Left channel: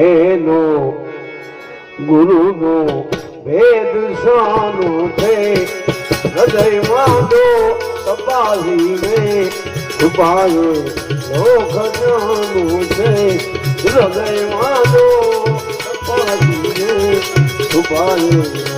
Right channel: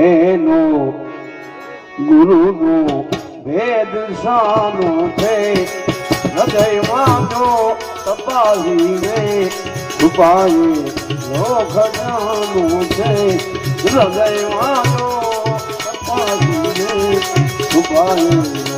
એનો ગુરુનો ભેદ સાનું છે. હૃદયમાં તો તપાસીને છુપાવે લોક જાનું છે. હૃદયમાં તો કપાવી રે લોક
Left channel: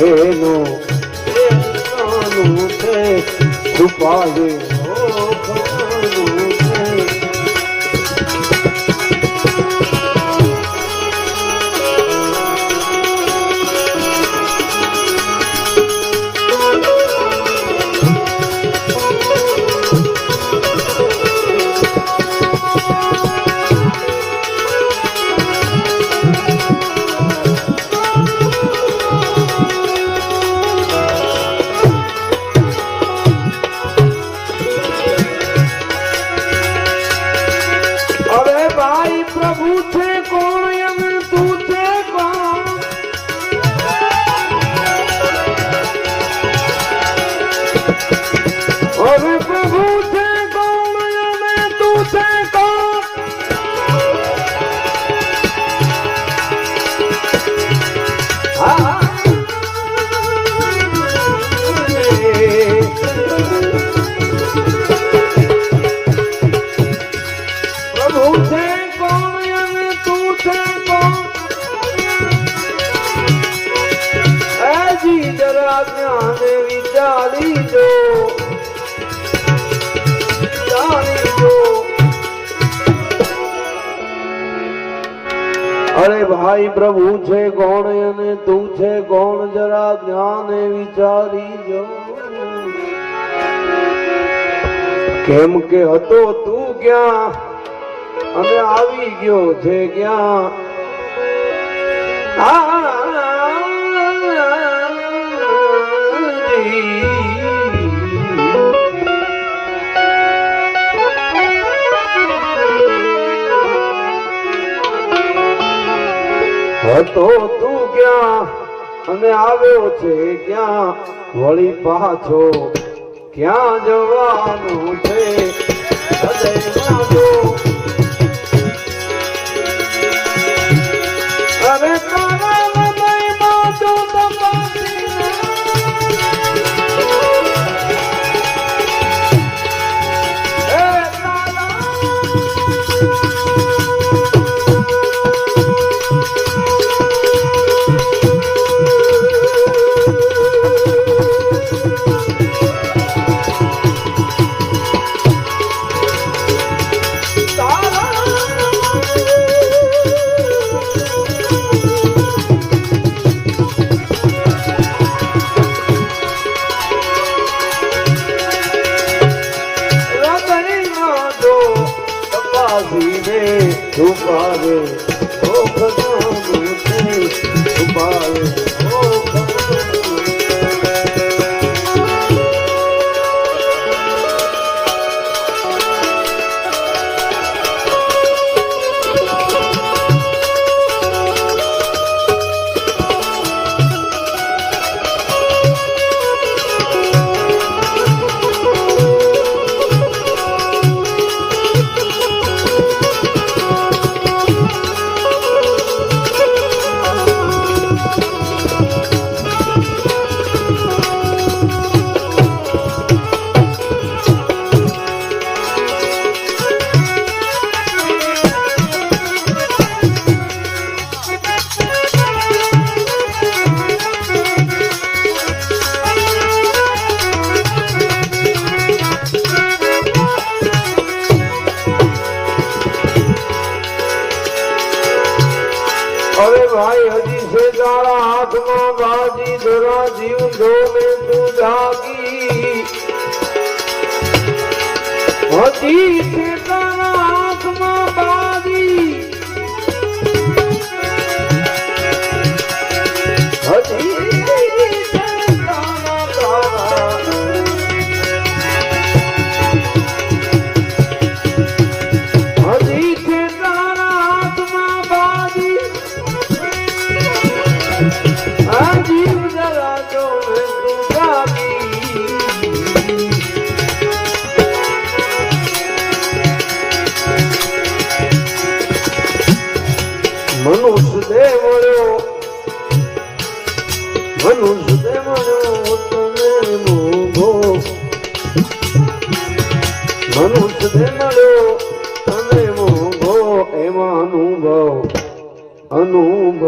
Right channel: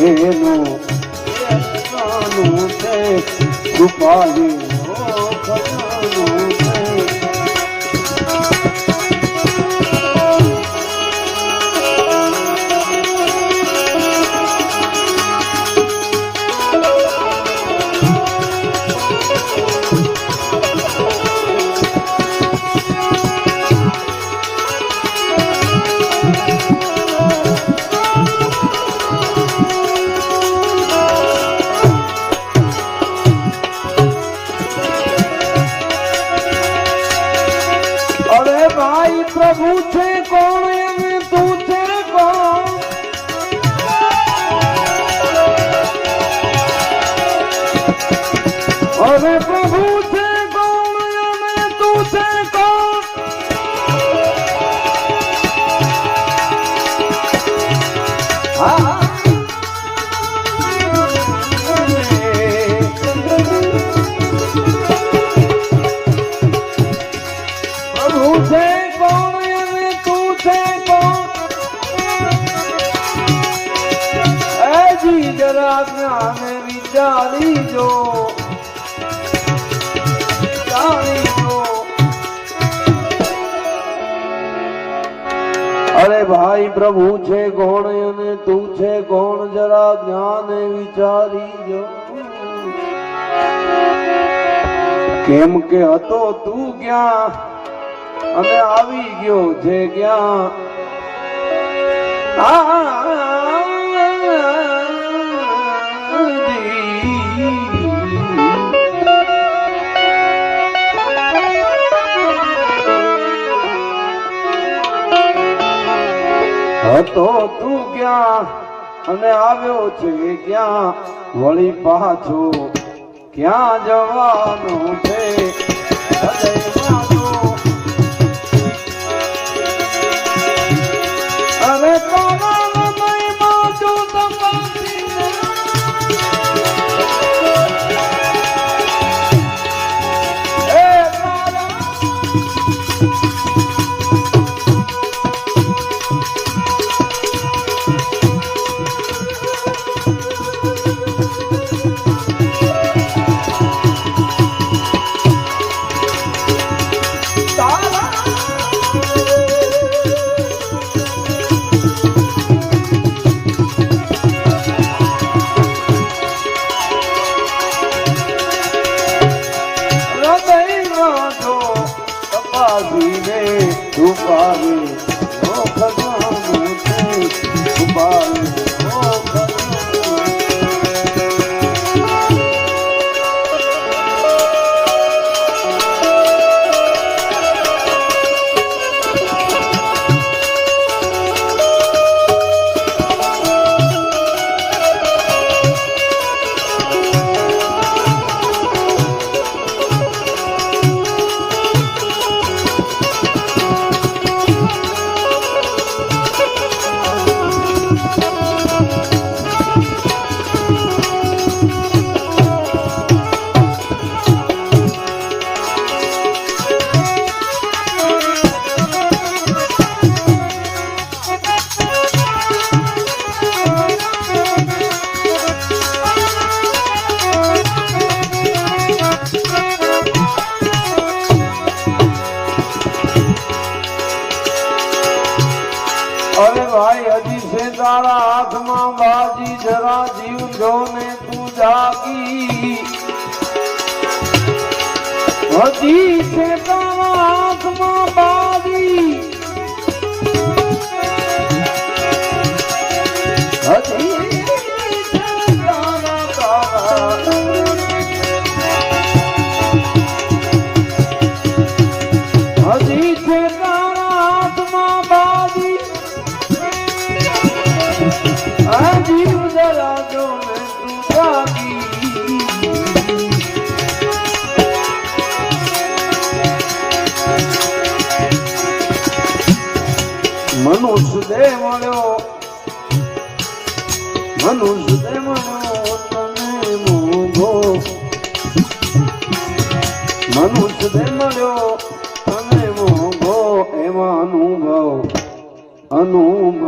એનું એનું છે છુપાવે છે કોણ અને તું છે કોણ જરા જ્ઞાન વિચારી જો. કેમ કે હતો તું ક્યાં અને આવી ગયો છે ક્યાં? હતો તું ક્યાં? અને આવ્યો છે ક્યાં? વળી પાછો ક્યાં જવાનું છે? તારા હાથમાં બાજી ધરા જીવ જો ને તું જાગી. વધી છે તારા મનુષ્ય મળ્યો અને મોંઘો એમાં અનુભવ અનુભવ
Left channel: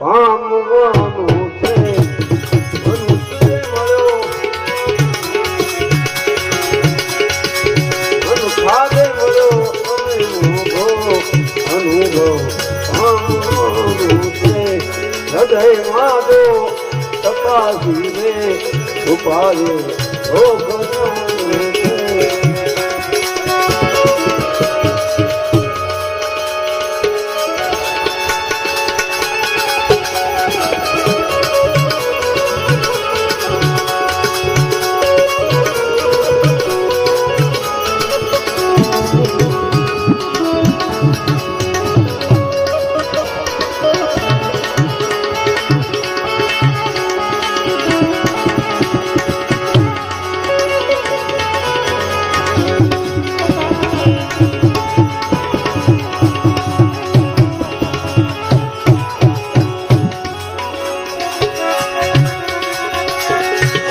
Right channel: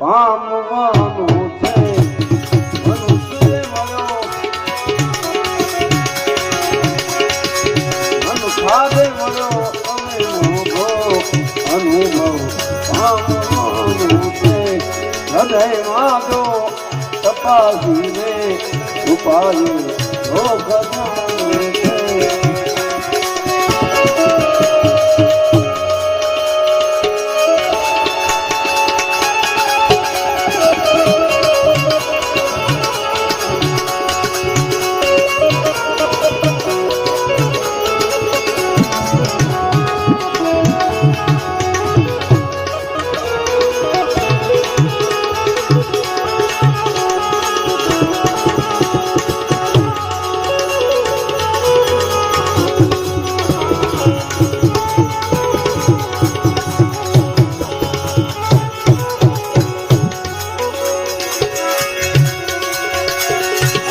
પામવાનું છે મનુષ્ય મળ્યો મનુખાને મળ્યો અને મોંઘો અનુભવ પામવાનું છે હૃદયમાં જો તપાસીને ઉપાડે О, благодарю.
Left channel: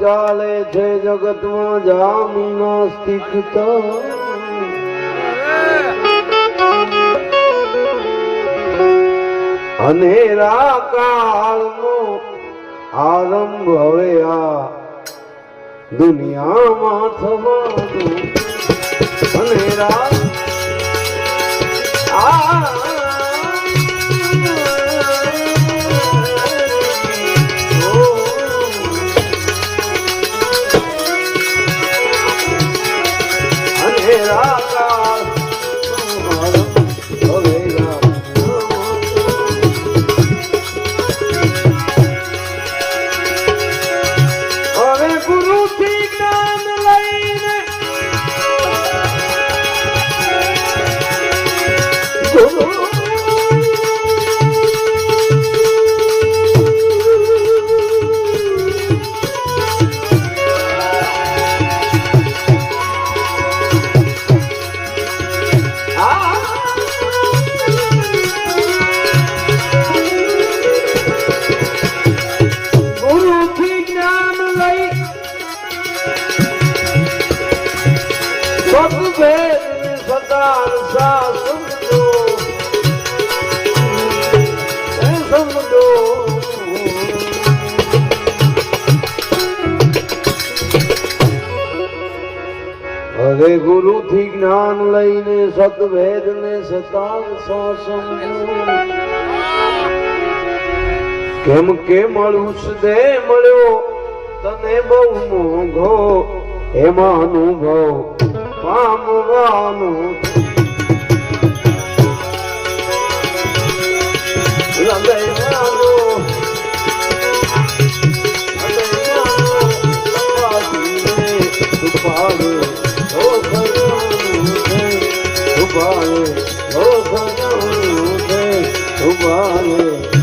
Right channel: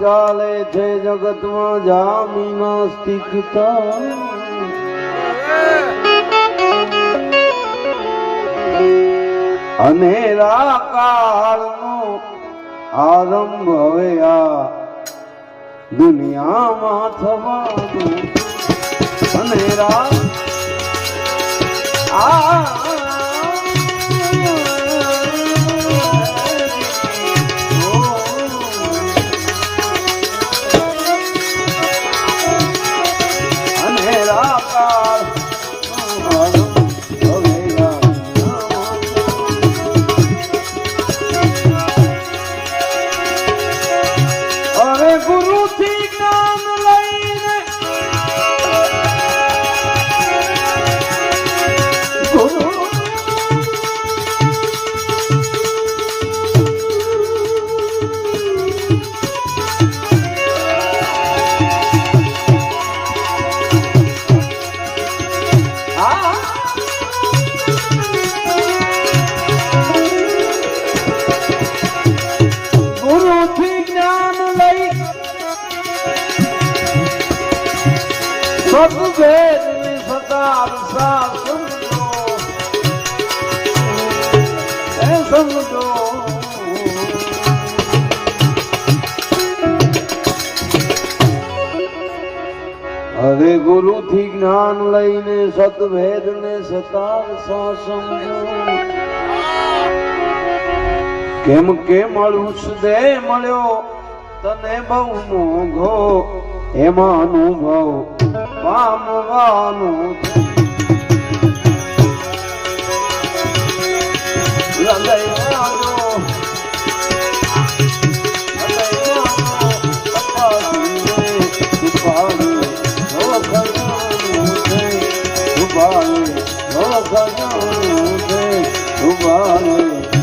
ચાલે છે જગતમાં જામી ન સ્થિતતા અનેરા કાળનો આરંભ હવે આ દુનિયામાં થવાનો અનેરા હવે ગુરુ થી જ્ઞાન લઈને સતભેદ ને કેમ કે દેહ મળ્યો તને બહુ મોંઘો. એમાં અનુભવ પામવાનો ઉભારે